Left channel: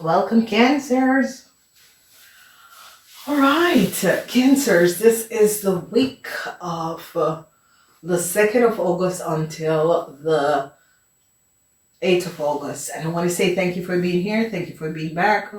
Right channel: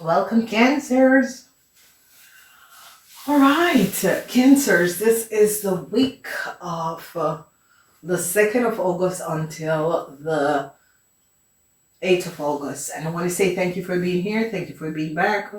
Welcome, Cancers. All right, Cancers, this is the week of the 2nd of August until the 8th of August. And I want to say thank you for being here. Thank you for being back.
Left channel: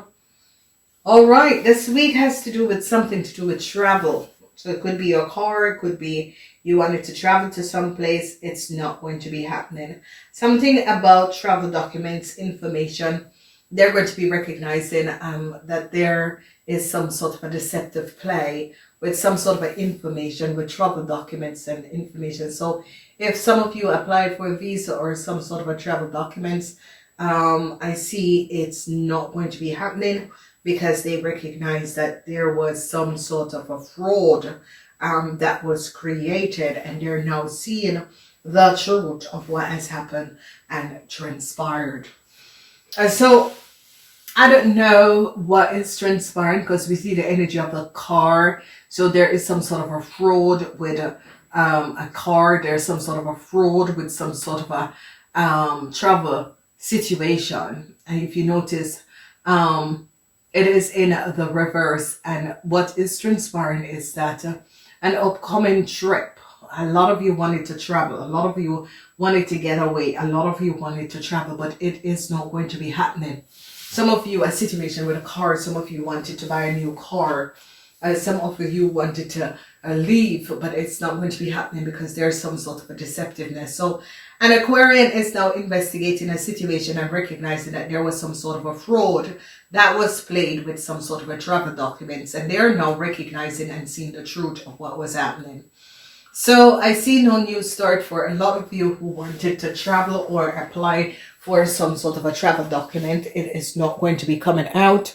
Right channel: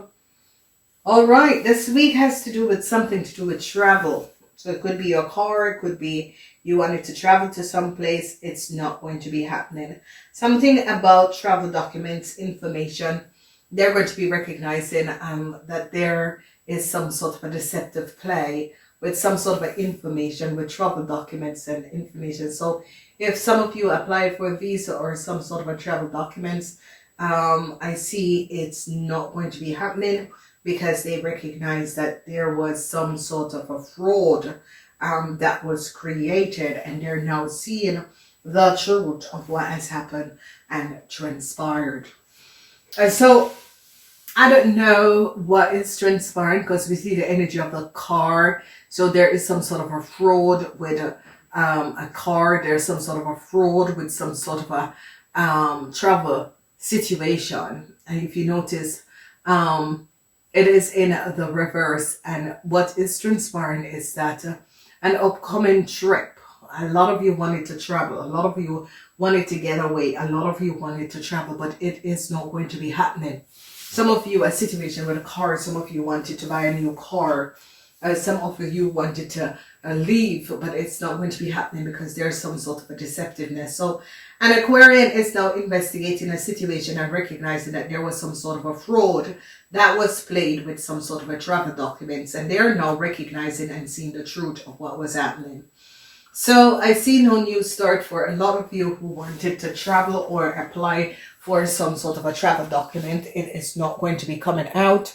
All right, this week has to do with something to do with travel. So it could be your car, it could be you wanted to travel to some place. It's not going to be happening. Something about travel documents, information. They're going to be recognizing that there is some sort of a deceptive play with some sort of information with travel documents and information. So if some of you applied for a visa or some sort of a travel documents, I see it's not going to be happening because they recognize that there was some sort of a fraud that was created, and they're now seeing the truth of what has happened and transpired. So I don't know what is transpiring because we see the energy of the car. So there is some sort of a fraud with a car. There's some sort of a fraud with some sort of a travel situation. And if you notice, it is in the reverse. And what is transpiring is that an upcoming trip. A lot of you wanted to travel. A lot of you wanted to get away. A lot of you wanted to travel, but it is not going to be happening. Some of you, a situation with a car. Some of you wanted to buy a new car. Some of you wanted to leave, but it's not going to be happening because there's some sort of a deceptiveness. So an Aquarian is now investigating a situation and recognizing that there was some sort of a fraud that was played with some sort of a travel documents, and they're now recognizing and seeing the truth of what was happening. So I see no new start for a lot of you who wanted to travel or apply for some sort of a travel document. It is not going to be coming out.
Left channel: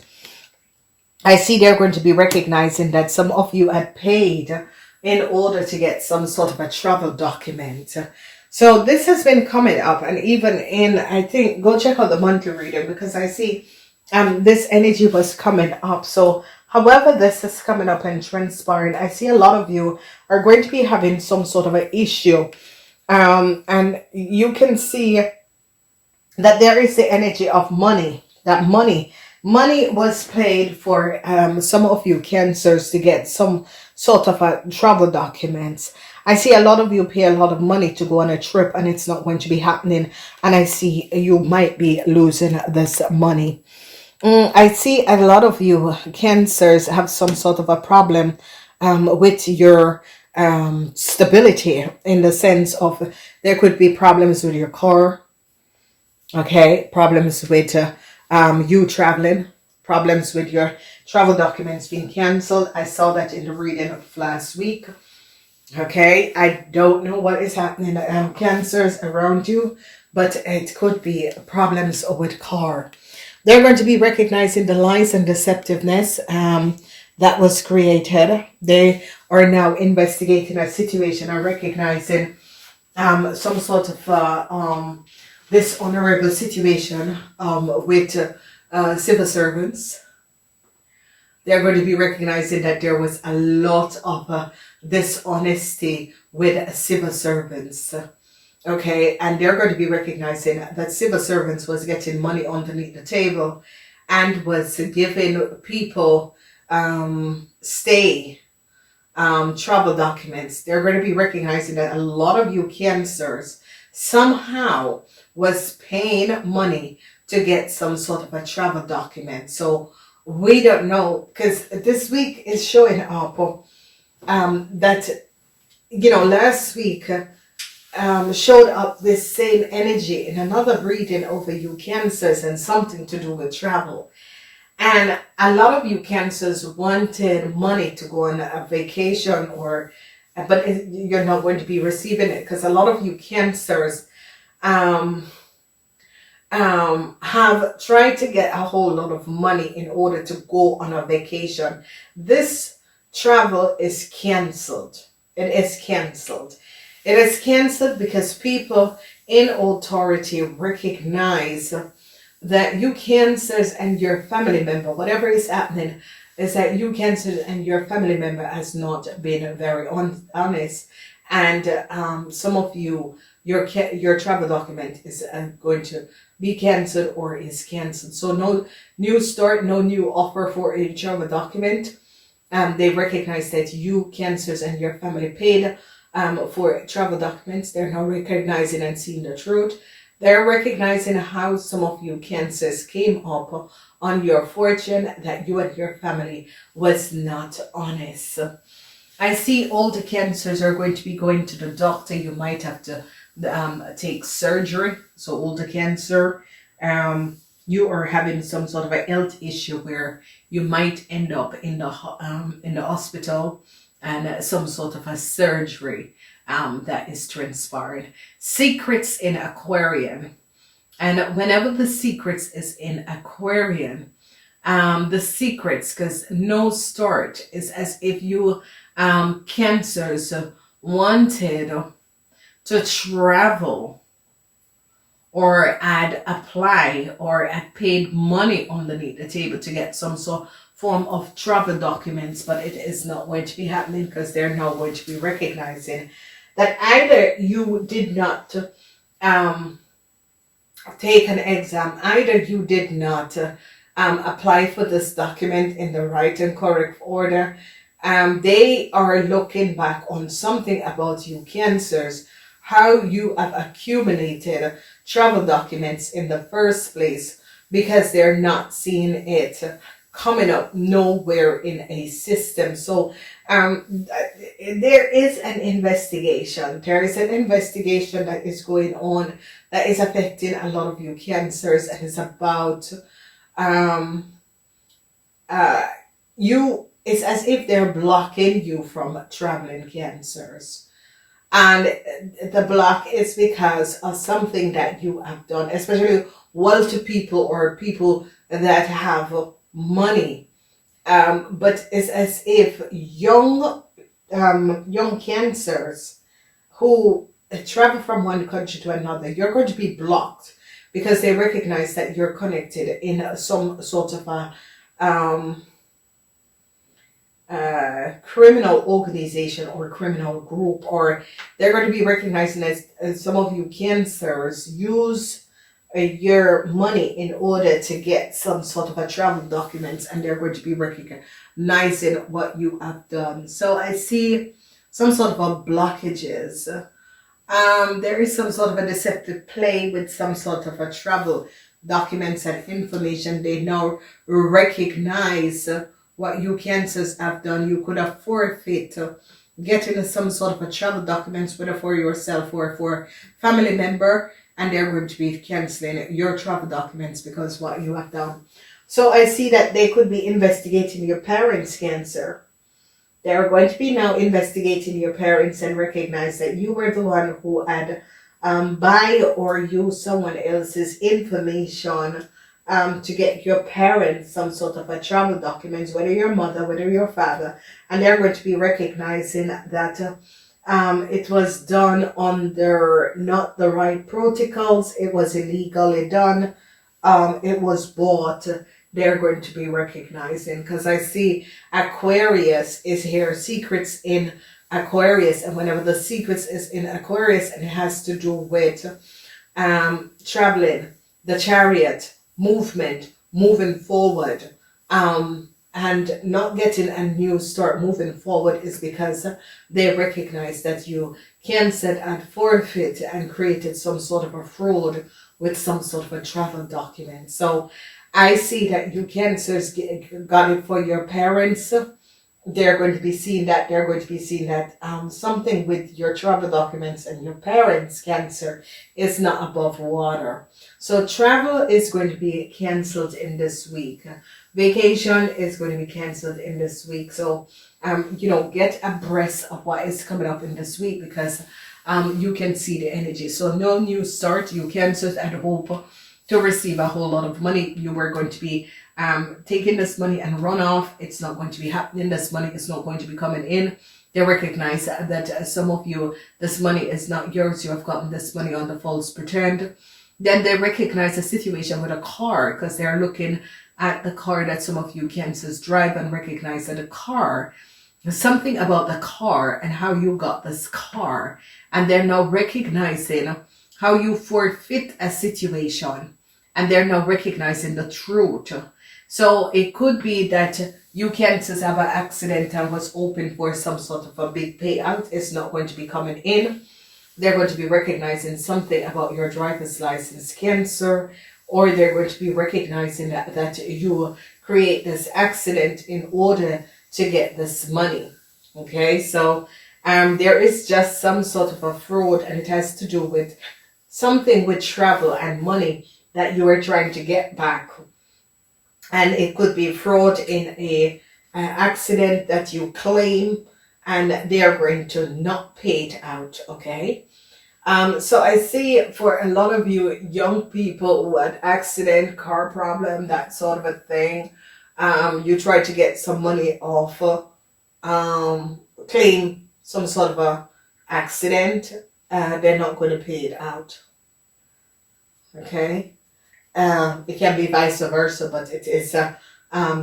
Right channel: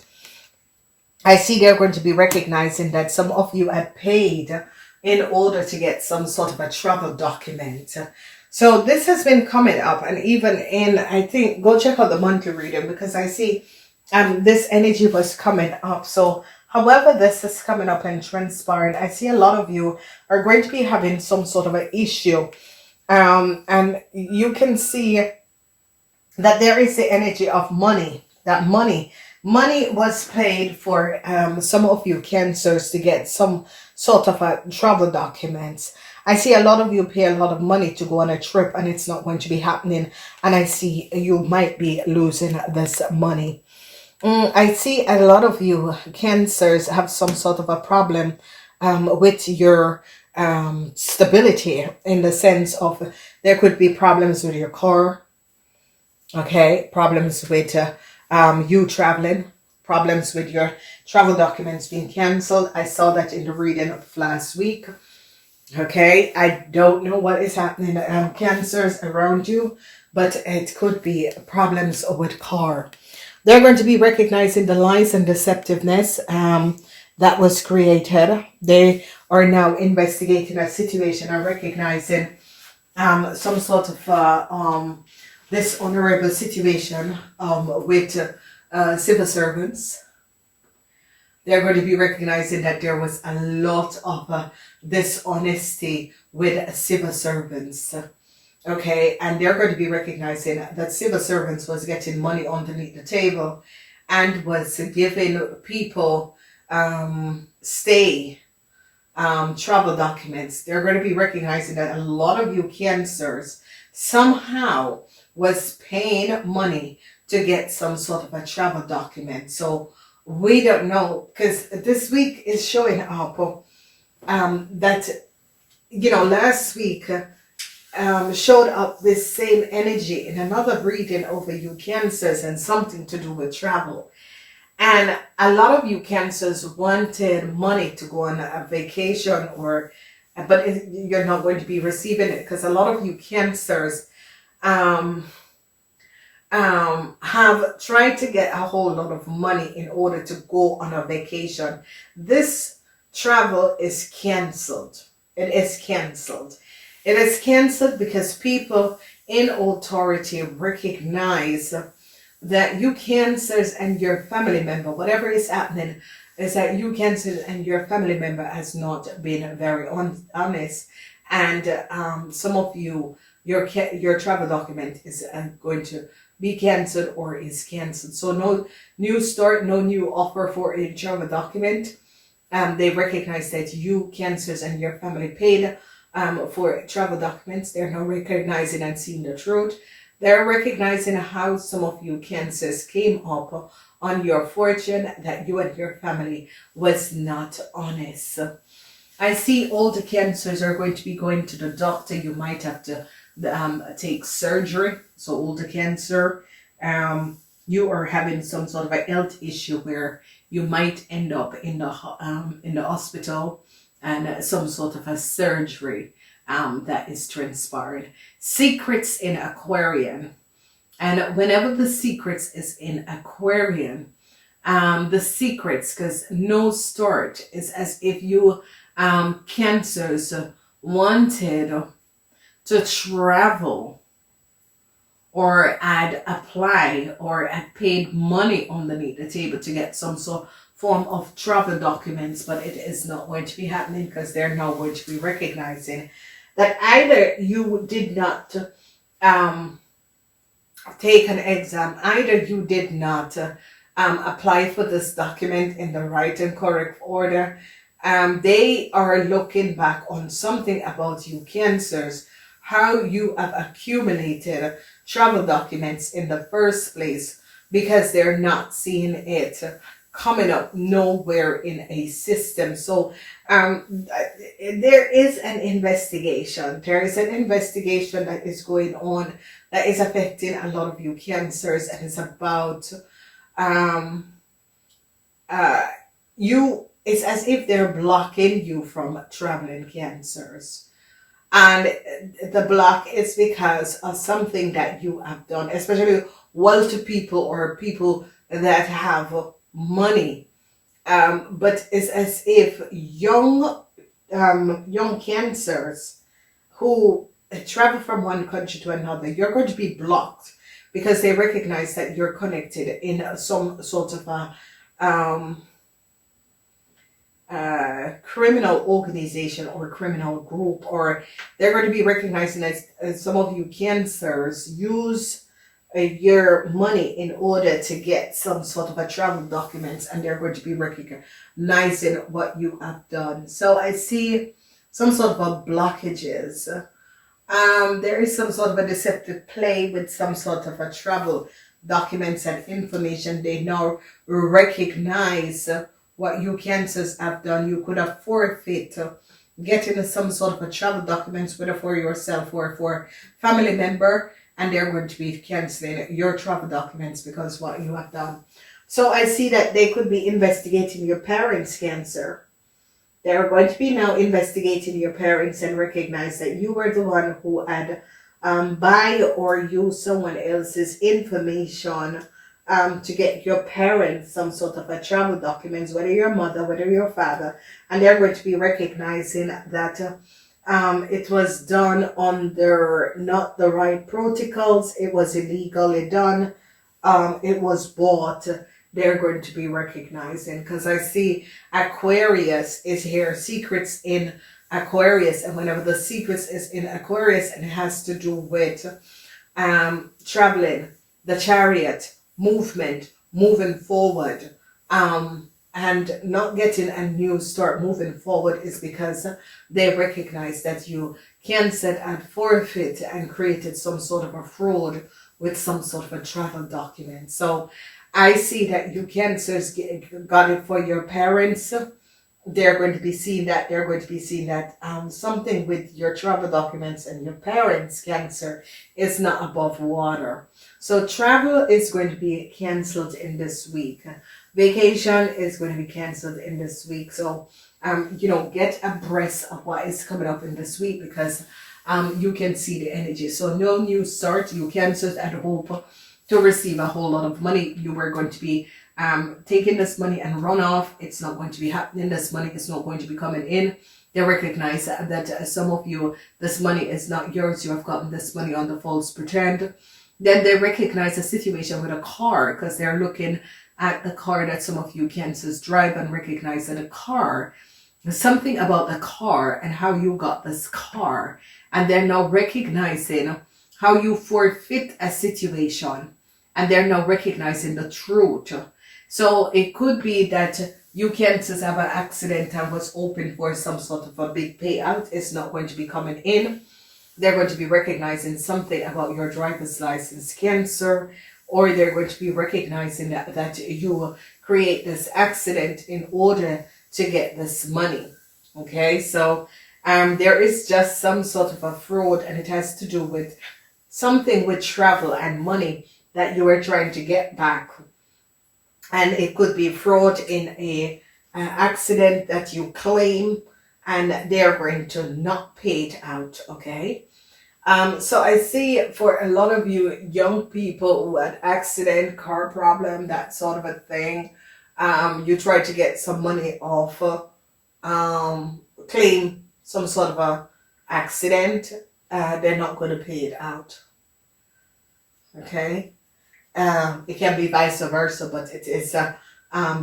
I see they're going to be recognizing that some of you had paid in order to get some sort of a travel document. So this has been coming up, and even in, I think, go check out the monthly reading because I see this energy was coming up. So however this is coming up and transpiring, I see a lot of you are going to be having some sort of an issue. And you can see that there is the energy of money, that money was paid for some of you Cancers to get some sort of a travel documents. I see a lot of you pay a lot of money to go on a trip and it's not going to be happening. And I see you might be losing this money. I see a lot of you Cancers have some sort of a problem with your stability, in the sense of there could be problems with your car. Okay, problems with you traveling, problems with your travel documents being cancelled. I saw that in the reading of last week. Okay, I don't know what is happening, Cancers around you, but it could be problems with car. They're going to be recognizing the lies and deceptiveness that was created. They are now investigating a situation and recognizing some sort of dishonorable situation with civil servants. They're going to be recognizing that there was a lot of dishonesty with civil servants. Okay, and they're going to be recognizing that civil servants was getting money underneath the table and was giving people travel documents. They're going to be recognizing that a lot of you Cancers somehow was paying money to get some sort of a travel document. So we don't know, because this week is showing up that, you know, last week showed up this same energy in another reading over you Cancers and something to do with travel. And a lot of you Cancers wanted money to go on a vacation, but you're not going to be receiving it because a lot of you Cancers have tried to get a whole lot of money in order to go on a vacation. This travel is cancelled. It is cancelled. It is cancelled because people in authority recognize that you Cancers and your family member, whatever is happening, is that you Cancers and your family member has not been very honest and some of you, your travel document is going to be cancelled or is cancelled. So no new start, no new offer for a travel document. They recognize that you cancers and your family paid for travel documents. They're now recognizing and seeing the truth. They're recognizing how some of you cancers came up on your fortune, that you and your family was not honest. I see all the cancers are going to be going to the doctor. You might have to take surgery. So all the cancer, you are having some sort of a health issue where you might end up in the hospital, and some sort of a surgery that is transpired. Secrets in Aquarian. And whenever the secrets is in Aquarian, the secrets, because no start is as if you cancers wanted to travel or had applied or had paid money underneath the table to get some sort form of travel documents, but it is not going to be happening because they're now going to be recognizing that either you did not take an exam, either you did not apply for this document in the right and correct order. They are looking back on something about you cancers, how you have accumulated travel documents in the first place, because they're not seeing it coming up nowhere in a system. So there is an investigation. There is an investigation that is going on that is affecting a lot of you cancers, and it's about you. It's as if they're blocking you from traveling, cancers. And the block is because of something that you have done, especially wealthy people or people that have money. But it's as if young cancers who travel from one country to another, you're going to be blocked because they recognize that you're connected in some sort of a criminal organization or criminal group, or they're going to be recognizing as some of you cancers use your money in order to get some sort of a travel documents, and they're going to be recognizing what you have done. So I see some sort of a blockages. There is some sort of a deceptive play with some sort of a travel documents and information. They now recognize what you cancers have done. You could have forfeit getting some sort of a travel documents, whether for yourself or for family member, and they're going to be canceling your travel documents because what you have done. So I see that they could be investigating your parents' cancer. They're going to be now investigating your parents and recognize that you were the one who had buy or use someone else's information to get your parents some sort of a travel documents, whether your mother, whether your father, and they're going to be recognizing that it was done under not the right protocols. It was illegally done. It was bought. They're going to be recognizing, because I see Aquarius is here, secrets in Aquarius, and whenever the secrets is in Aquarius, and it has to do with traveling, the chariot, movement, moving forward, and not getting a new start, moving forward, is because they recognize that you canceled and forfeit and created some sort of a fraud with some sort of a travel document. So I see that you cancers got it for your parents. They're going to be seeing that. They're going to be seeing that something with your travel documents and your parents' cancer is not above water. So travel is going to be canceled in this week. Vacation is going to be canceled in this week. So, get abreast of what is coming up in this week, because you can see the energy. So no new start. You cancers and hope to receive a whole lot of money. You were going to be taking this money and run off. It's not going to be happening. This money is not going to be coming in. They recognize that some of you, this money is not yours. You have gotten this money on the false pretend. Then they recognize a situation with a car, because they're looking at the car that some of you cancers drive and recognize that a car something about the car and how you got this car, and they're now recognizing how you forfeit a situation, and they're now recognizing the truth. So it could be that you can't just have an accident and was hoping for some sort of a big payout. It's not going to be coming in. They're going to be recognizing something about your driver's license, Cancer, or they're going to be recognizing that you create this accident in order to get this money. Okay, so there is just some sort of a fraud, and it has to do with something with travel and money that you are trying to get back. And it could be fraud in a accident that you claim, and they're going to not pay it out. Okay. So I see for a lot of you young people who had accident, car problem, that sort of a thing, you try to get some money off, claim some sort of a accident, they're not going to pay it out. Okay. It can be vice versa, but it is the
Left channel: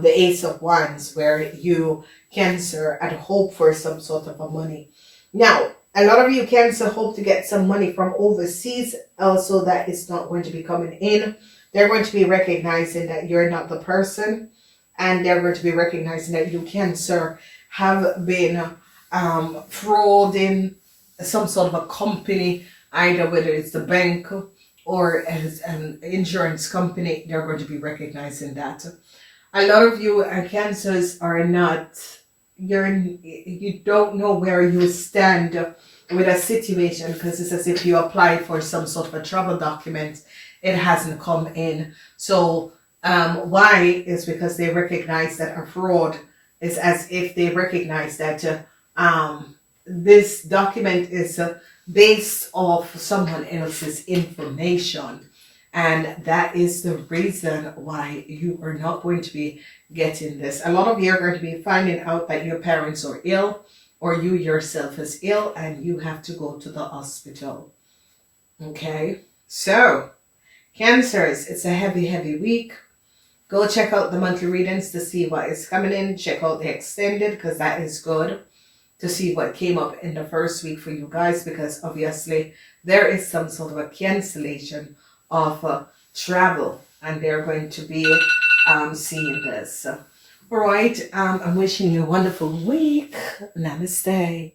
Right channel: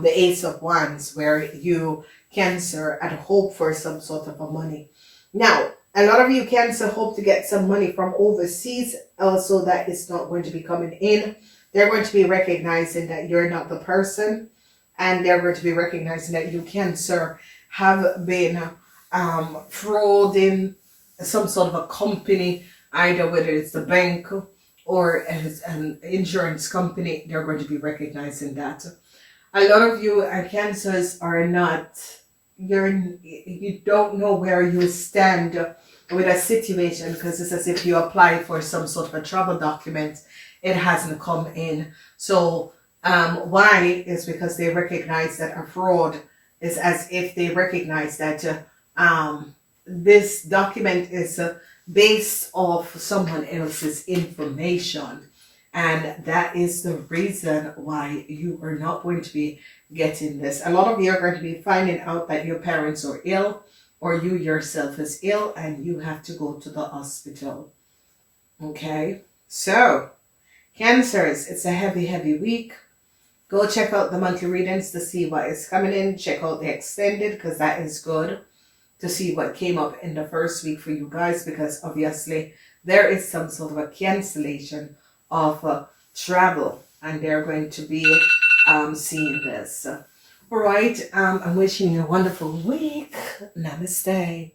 Ace of Wands, where you, Cancer, had hope for some sort of a money. Now, a lot of you, Cancer, hope to get some money from overseas. Also, that is not going to be coming in. They're going to be recognizing that you're not the person, and they're going to be recognizing that you, Cancer, have been frauding some sort of a company, either whether it's the bank or as an insurance company. They're going to be recognizing that. A lot of you Cancers are not, you don't know where you stand with a situation, because it's as if you applied for some sort of a travel document, it hasn't come in. So why is because they recognize that a fraud is as if they recognize that this document is based off someone else's information, and that is the reason why you are not going to be getting this. A lot of you are going to be finding out that your parents are ill, or you yourself is ill, and you have to go to the hospital. Okay, so Cancers, it's a heavy week. Go check out the monthly readings to see what is coming in. Check out the extended, because that is good to see what came up in the first week for you guys, because obviously there is some sort of a cancellation of travel, and they're going to be seeing this. All right, I'm wishing you a wonderful week. Namaste.